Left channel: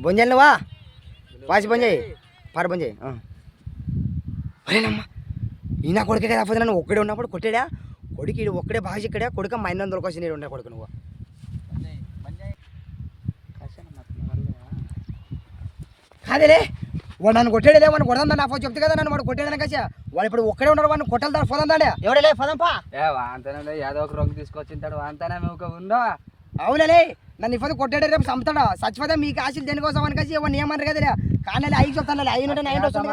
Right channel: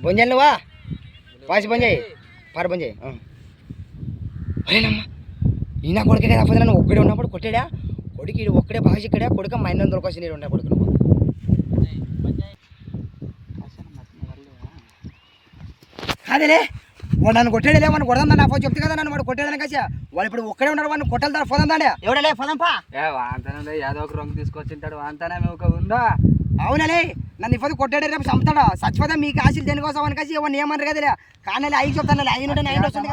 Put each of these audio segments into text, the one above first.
బంద్ వా నువ్వా? వాసి బంద్ పార బంద్ అరేనమ్మా ఈయన కొడుకే కదా అప్పుడు నన్ను ఒక్కడే ఉన్నప్పుడు కొట్టాడా? కొడుకు ఇడు ఒక్కడే భాష ఇక్కడే కొడుక మా ఇన్న దొరకొచ్చి నేను ఉన్న కొడుకు నువ్వు. కాదేలే వాడు నన్ను కొట్టాడలే వాడిని కొడదాం నా ఫోన్ చెప్తే కదా నన్ను వాడు కొట్టాడని కాసా వాడు ఇప్పుడు ఒక్కడే ఉన్నాడు వాడిని కొట్టాలి దాని ఫోన్ అందాడే ఎవడలే ఫోన్ ఏ వాంతనే ఏదో ఒక రంగు తీసుకొచ్చింటాడు వాంతనే ఒక ఉందా. అవునలే నన్ను ఇప్పుడు కొట్టాడు రేపు చంపుతాడు. చచ్చిపోతే మీకు ఆశలు దేనికోసం అని కాసి ఎవరిని ఏమన్నారు కదా కానీ అయ్యి చెప్తాను అయ్యి ఉంటే నైన్ వస్తుంది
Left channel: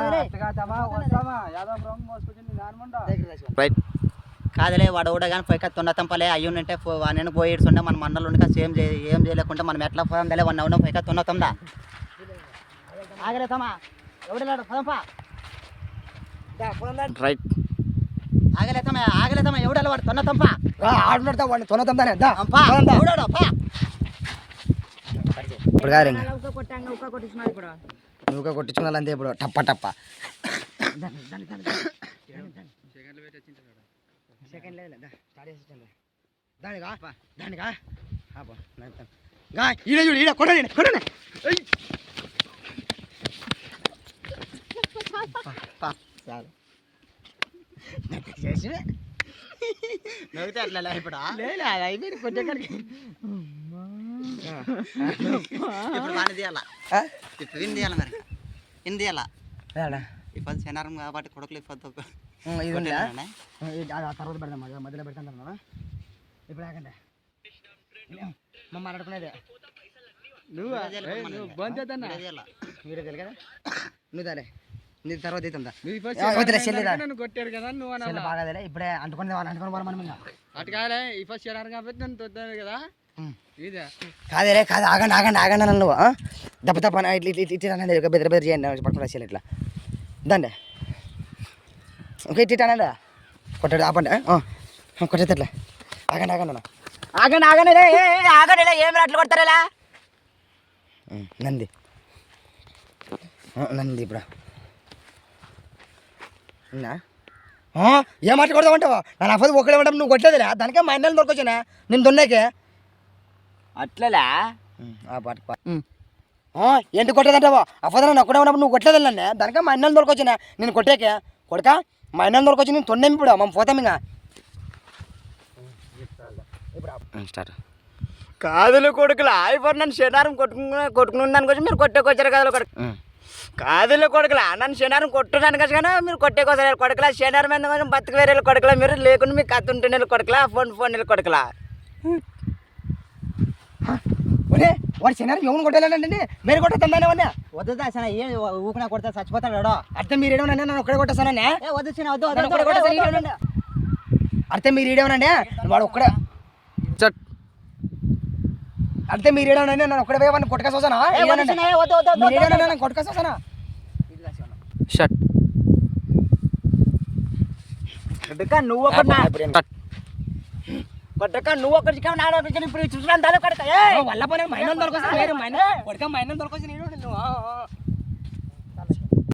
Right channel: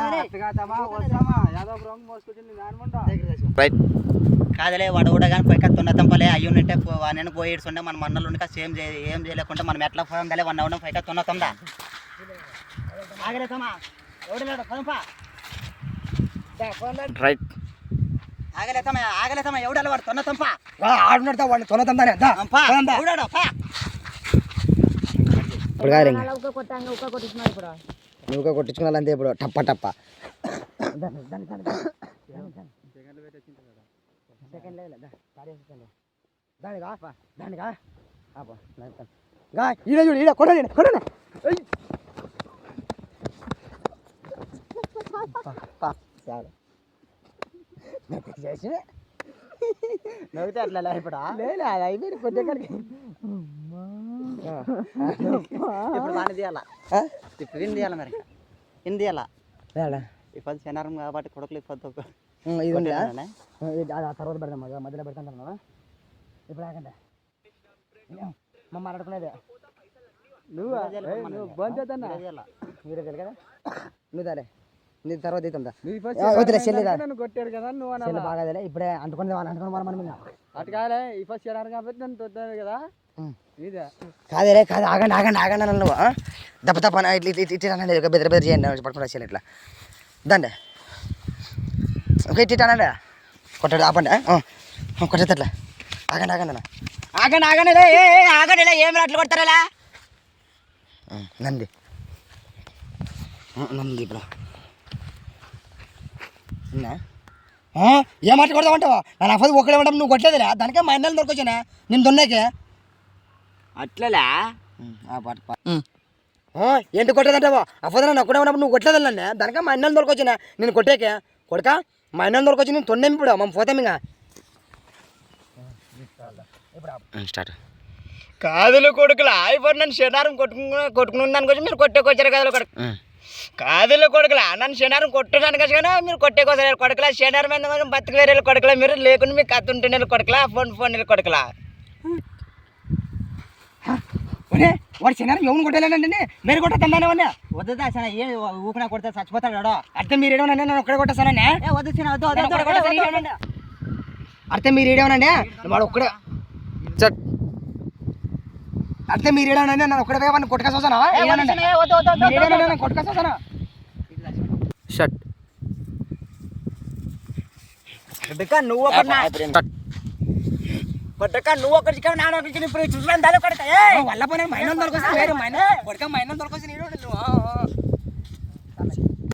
కదలే వాడు కూడా కానీ పోయి తొన్న తంపలే అయ్యి ఉంటే నేను పోయి ఇడుచుండే మన మన్నలు ఉండే సేమ్ ఏం చేయలేకుండా మనం ఎట్లా పోయిందలే వన్ అవడం పైక తొన్న తొందా ఆగలే తమ్మా. ఎవడలేడు పదంపా. రైట్. ఆగలేతమా ఆగలేతమా ఎవడಲ್ಲ వాడు? తొన్న తంప. ఆడున్నాడు వాడిని తొన తందానే దా పా. పోదాం దా. ఎవడాడో, పా. ఇప్పుడు కాదు ఇంకా. నువ్వు కొట్టించుకున్నా అంతే ఇప్పుడు టప్ప టప్ప. దానిగా దానిగా ఈడ చూడు ఈడ కొట్టండి కొట్టండి. చాలు. నవ్వుతే చేసి నవ్వుతే అట్లా లే ఇప్పుడు లేదు అది అయిపోయింది కొట్టేకాడికి ఇప్పుడు వాడిని తీయాలా? ఇప్పుడు విని తీయాలి మరి? తీయాలా? ఇప్పుడు కాబట్టి కొడుకులు ఇప్పుడు తర్వాత మధ్య మధ్యలో పెడతాం కదా. ఇప్పుడు ఆగండి. మా మాట్లాడుకునేది నువ్వు? బంద్ చేద్దానా? వీడియో తెలియదు నువ్వు దాలే నీ తర్వాత అవుతుందా. నన్ను కొట్టారు కదా నువ్వు బాగాదేలే ఇప్పుడే అంటుకునే వాళ్ళు అంటుకుని మనం మనం ఇంకా. అటు ఈ ఫస్ట్ చేయడానికి కాబట్టి నన్ను తొద్దాను కదా. ఇదే. కాదేలే కాదు ఆగండి ఆగండి ఆగండి నన్ను? దెబ్బ తప్ప ఇట్లా ఇట్లా ఇట్లా అనండి ఇక బెదిరి బెదిరి చేయండి పట్టుకుని వచ్చేయాలి ఇట్లా. దండి. ఓకే ఇట్లా అనండి కొట్టాడు ఆపండి కొట్టేది అట్లా ఆగండి ఆగండి అన్న. ఆగండి ఆగండి ఆగండి ఏమి అట్లా కొడతారా నంది. నంది ఇప్పుడు. ఏం మాట కొడతామంటావా నా అఫది ఒకడే ఉంటాం నువ్వు కొట్టలేదురా. దానికే మా అన్నలు దొరకొచ్చానా నేను దొన్నాకే? అట్లలా? పాట ఏంటి కొట్టేదంటావా అఫదన నాకు కూడా ఉన్నప్పుడు నువ్వు కొట్టలేదు నన్ను? దానికే మా అన్నలు దొరకొచ్చినా నేను కొట్టాకే? కొడక? మా అన్నలు దొరకొచ్చి నేను తొండేమి ఇప్పుడు మనం పోతాం ఇంకా. స్టార్ట్. కాదులు కొడుకులు అయిపోయి నన్ను శనారం కొట్టుకుని కొట్టుకుని దానికి మీరు కొట్టేకొచ్చారు కదా కొడుకు. కాదులు కొడుకులా నన్ను శనారం కొట్టడానికి వచ్చి కానీ మీరు కొట్టేకొచ్చారు కొడుకులా శనారం ఎందుకు కొంచెం బతుకు వేరే కొడుకులా మీరు లేకుండా మీకు కత్తి ఉంటుండే కొడుకులా ఫోన్ ఫోన్ కొడుకులా. ఒరే వాడు చిన్నారు ఎవరు కొట్టలేనండి మీరు కొట్టేస్తానే వన్నా వద్దా సన ఏం ఊపినా కొడితే చచ్చిపోతాడు అర్థం మీరు ఏడవనండి నన్ను ఒక్కడే కొట్టేస్తానండి. ఏ వద్దు చిన్న వద్దు. అర్థం మీరు ఏడవనండి వాడు ఒక్కడే. చట్. అర్థం మీరు ఏడవనండి నన్ను ఒక్కడే పోయి కొట్టుకొస్తానా నన్ను కొట్టుకొస్తానా షట్. నువ్వు ఒకటి కొట్టక నువ్వు ఒకటి నాడొకటి ఇప్పుడు చూసుకున్నాను దాని కొడక వల్ల పని మైనం దొరకొస్తే వేరు మైనం. కొడుక మైనం దొరకొచ్చి నేను నువ్వు.